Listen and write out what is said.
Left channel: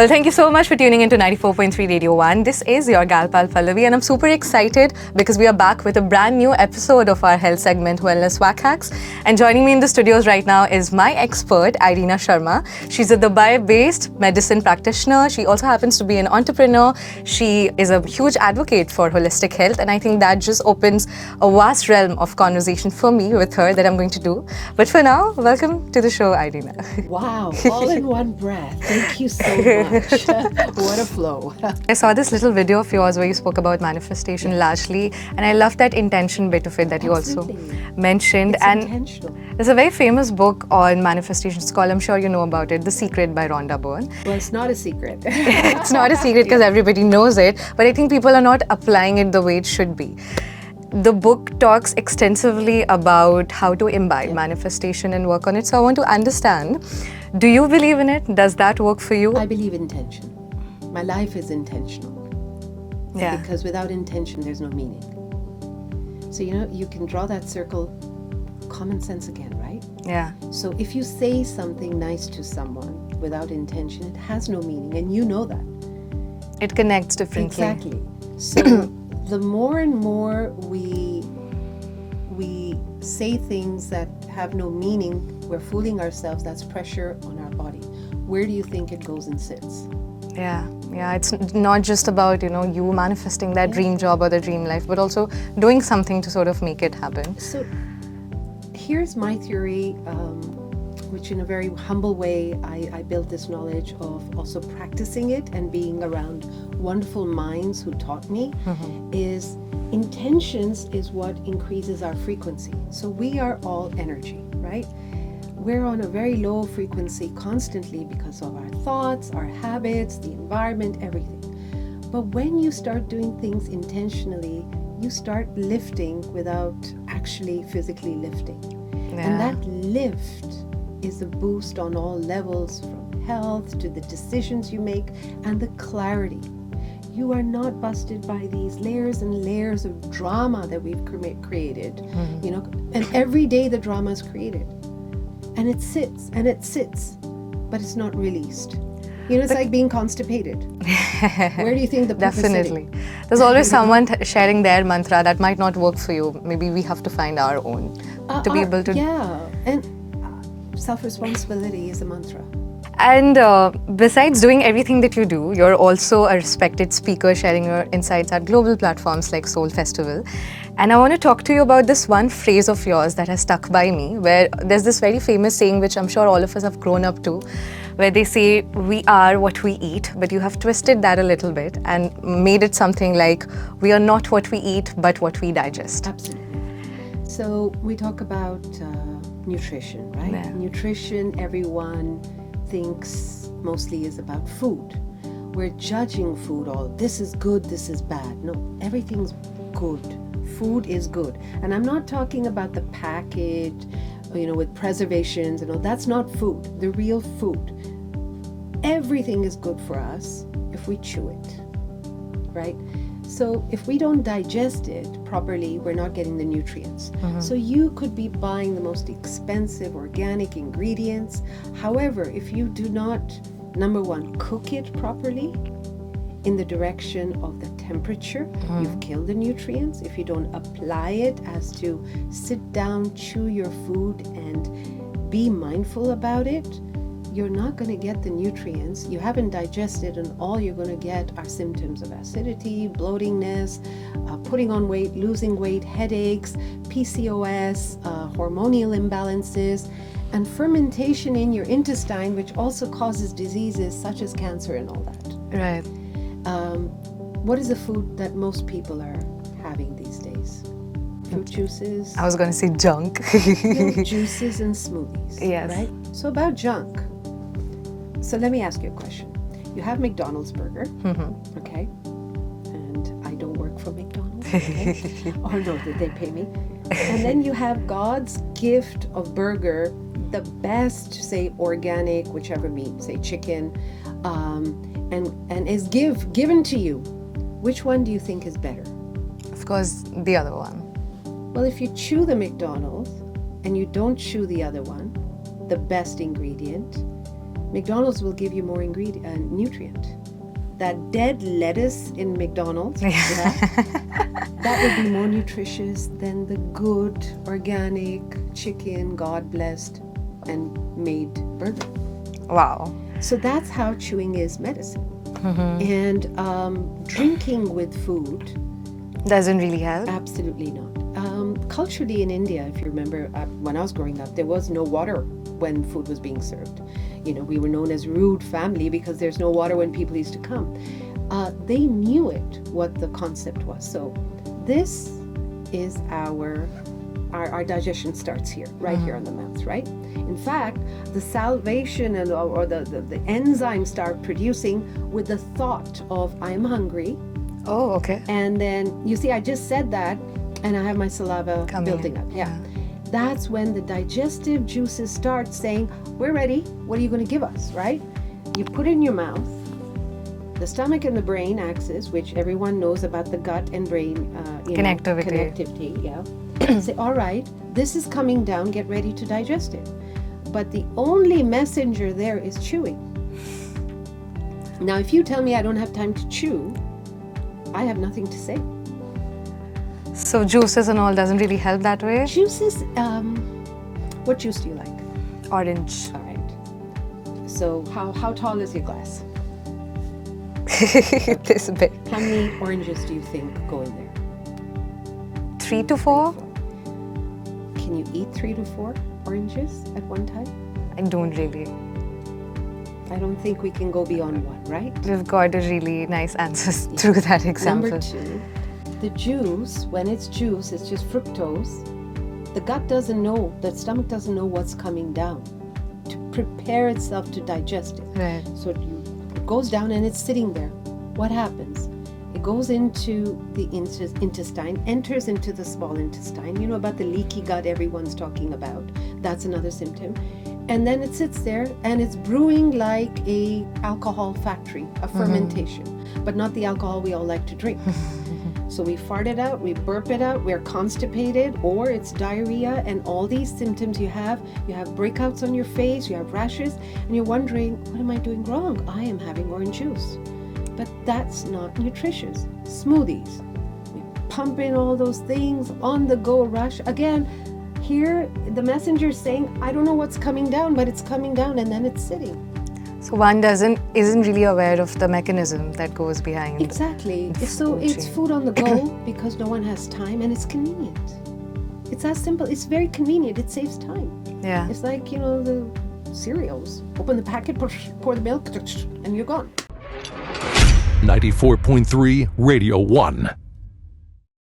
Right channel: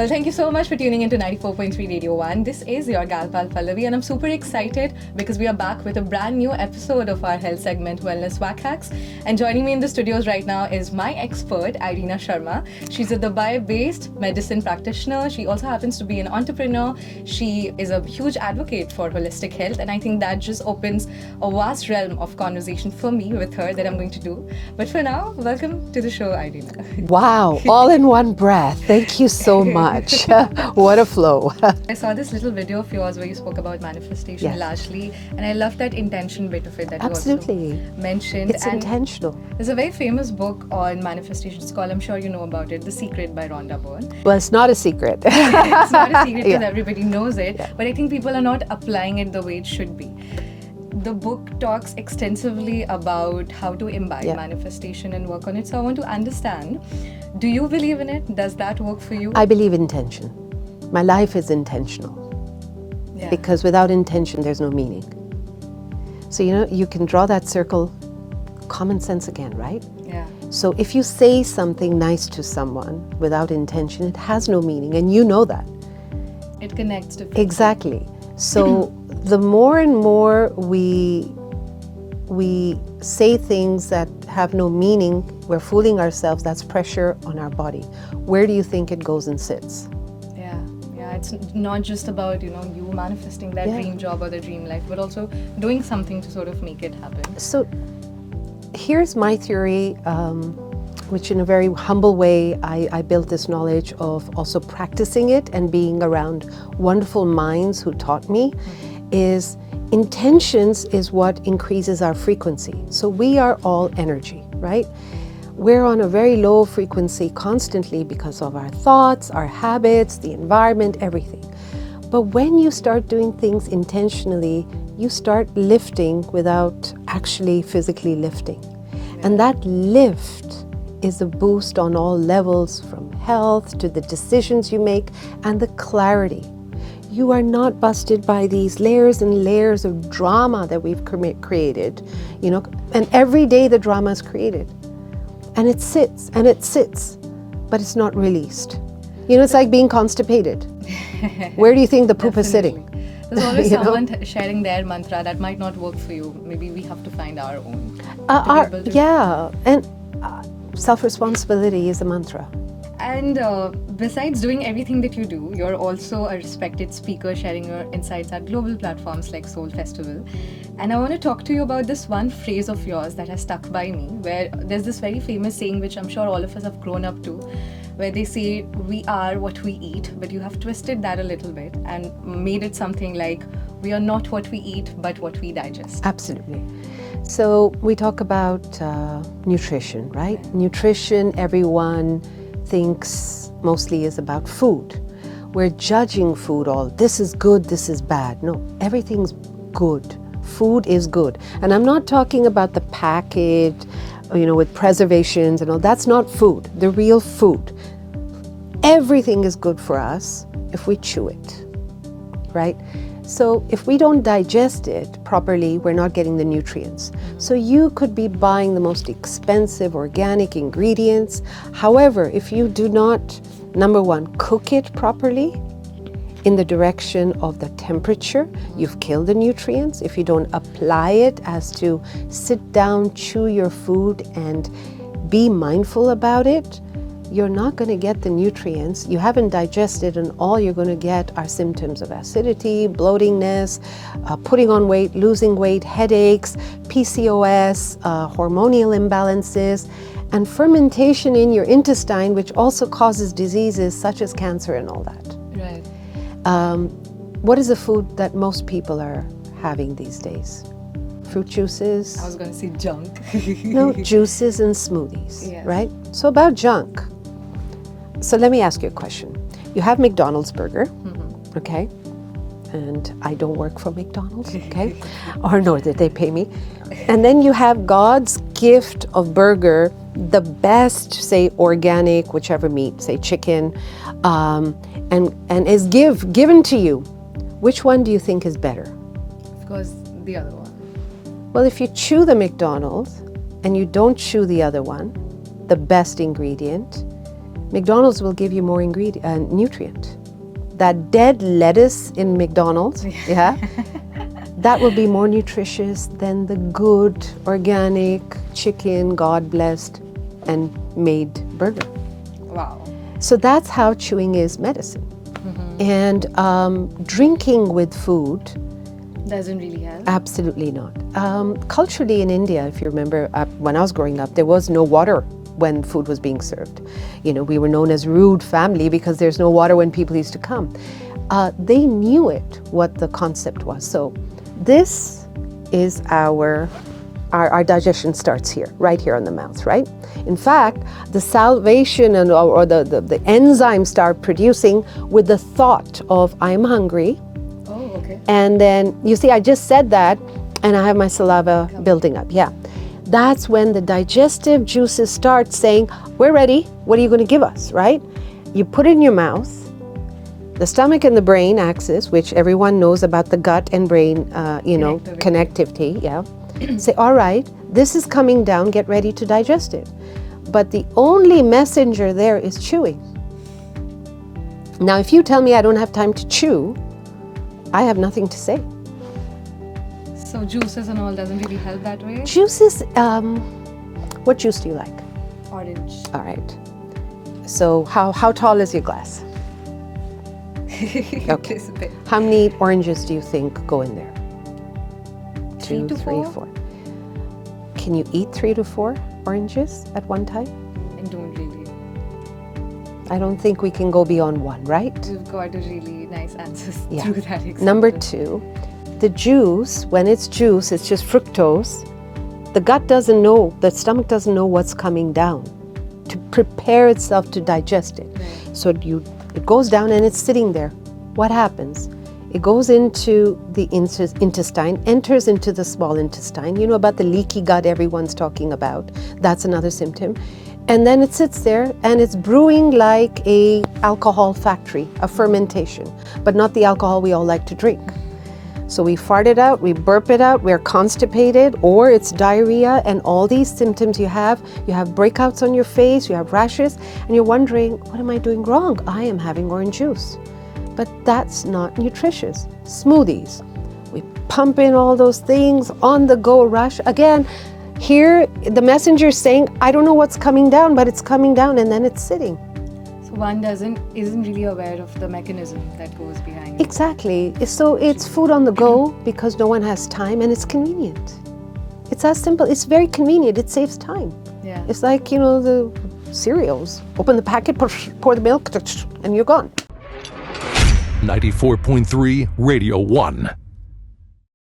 Well, thank you so much for tuning into 94.3 Radio 1. This is your gal pal Pallavi, and I'm super excited because we are back with a brand new episode of our health segment, Wellness Wackhacks. And joining me in the studios right now is my expert, Irina Sharma. She's a Dubai-based medicine practitioner. She also happens to be an entrepreneur. She is a huge advocate for holistic health, and I think that just opens a vast realm of conversation for me with her that I'm going to do. But for now, welcome to the show, Irina. Wow, all in one breath. Thank you so much. What a flow. I saw this little video of yours where you spoke about manifestation largely, and I love that intention bit of it that Absolutely. you also mentioned. It's intentional. There's a very famous book on manifestation. It's called, I'm sure you know about it, The Secret by Rhonda Byrne. Well, it's not a secret. It's not a secret because everybody knows it, but I think people are not applying it the way it should be. The book talks extensively about how to imbibe manifestation and work on it. So I want to understand, do you believe in it? Does that work for you? I believe intention. My life is intentional. Yeah. Because without intention, there's no meaning. So, you can draw that circle, common sense again, right? Yeah. So if you say something nice to someone without intention, it has no meaning, and you know that. It connects differently. Exactly. So the more and more we say things that have no meaning, we're fooling ourselves. That's pressure on our body. Where do you think it goes and sits? Yeah. It's not just about, you manifesting that dream job or the dream life, but also doing something to sort of make it happen. So here's my theory, which in a very humble way, I built this knowledge of also practicing it and being around wonderful minds who taught me, is intentions is what increases our frequency. So we are all energy, right? We're on a very low frequency constantly because of our thoughts, our habits, the environment, everything. But when you start doing things intentionally, you start lifting without actually physically lifting. Yeah. And that lift is a boost on all levels, from health to the decisions you make and the clarity. You are not busted by these layers and layers of drama that we've created, and every day the drama is created. And it sits, but it's not released. It's like being constipated. Where do you think the poop is sitting? There's always someone sharing their mantra that might not work for you. Maybe we have to find our own to be able to. Yeah, and self-responsibility is a mantra. And besides doing everything that you do, you're also a respected speaker sharing your insights at global platforms like Soul Festival. And I want to talk to you about this one phrase of yours that has stuck by me, where there's this very famous saying, which I'm sure all of us have grown up to, where they say, we are what we eat, but you have twisted that a little bit and made it something like, we are not what we eat, but what we digest. Absolutely. So we talk about nutrition, right? Yeah. Nutrition, everyone thinks mostly is about food. We're judging food all, this is good, this is bad. No, everything's good. Food is good. And I'm not talking about the package, with preservations and all. That's not food, the real food. Everything is good for us if we chew it, right? So if we don't digest it properly, we're not getting the nutrients. So you could be buying the most expensive organic ingredients. However, if you do not, number one, cook it properly in the direction of the temperature, you've killed the nutrients. If you don't apply it as to sit down, chew your food, and be mindful about it, you're not going to get the nutrients. You haven't digested, and all you're going to get are symptoms of acidity, bloatingness, putting on weight, losing weight, headaches, PCOS, hormonal imbalances, and fermentation in your intestine, which also causes diseases such as cancer and all that. Right. What is the food that most people are having these days? Fruit juices. I was going to say junk. Juices and smoothies, yes. Right? So about junk. So let me ask you a question. You have McDonald's burger, okay? And I don't work for McDonald's, okay? Or nor did they pay me. And then you have God's gift of burger, the best, say organic, whichever meat, say chicken, and is given to you. Which one do you think is better? Of course, the other one. Well, if you chew the McDonald's and you don't chew the other one, the best ingredient, McDonald's will give you more nutrient. That dead lettuce in McDonald's, yeah, that will be more nutritious than the good, organic, chicken, God-blessed and made burger. Wow. So that's how chewing is medicine. And drinking with food doesn't really help? Absolutely not. Culturally in India, if you remember, when I was growing up, there was no water when food was being served. You know, we were known as rude family because there's no water when people used to come. They knew it, what the concept was. So this is our digestion starts here, right here in the mouth, right? In fact, the salivation or the enzymes start producing with the thought of I'm hungry. Oh, okay. And then, you see, I just said that, and I have my saliva building up, yeah. That's when the digestive juices start saying, we're ready, what are you going to give us, right? You put it in your mouth, the stomach and the brain axis, which everyone knows about the gut and brain, connectivity, yeah. Say, all right, this is coming down, get ready to digest it. But the only messenger there is chewing. Now, if you tell me I don't have time to chew, I have nothing to say. So juices and all doesn't really help that way? Juices, what juice do you like? Orange. All right. So how tall is your glass? This bit. How many oranges do you think go in there? 3 to 4? Can you eat 3 to 4 oranges at one time? I don't really. I don't think we can go beyond 1, right? You've got a really nice answers through that example. Number 2, the juice, when it's juice, it's just fructose. The gut doesn't know, the stomach doesn't know what's coming down to prepare itself to digest it. Right. So it goes down and it's sitting there. What happens? It goes into the intestine, enters into the small intestine. You know about the leaky gut everyone's talking about. That's another symptom. And then it sits there and it's brewing like a alcohol factory, a fermentation, but not the alcohol we all like to drink. So we fart it out, we burp it out, we're constipated, or it's diarrhea, and all these symptoms you have breakouts on your face, you have rashes, and you're wondering, what am I doing wrong? I am having orange juice. But that's not nutritious. Smoothies, we pump in all those things, on the go rush. Again, here the messenger is saying, I don't know what's coming down, but it's coming down and then it's sitting. So one isn't really aware of the mechanism that goes behind. Exactly. So it's food on the go because no one has time, and it's convenient. It's as simple. It's very convenient. It saves time. Yeah. It's like, you know, the cereals. Open the packet, pour the milk, and you're gone. 94.3 Radio 1.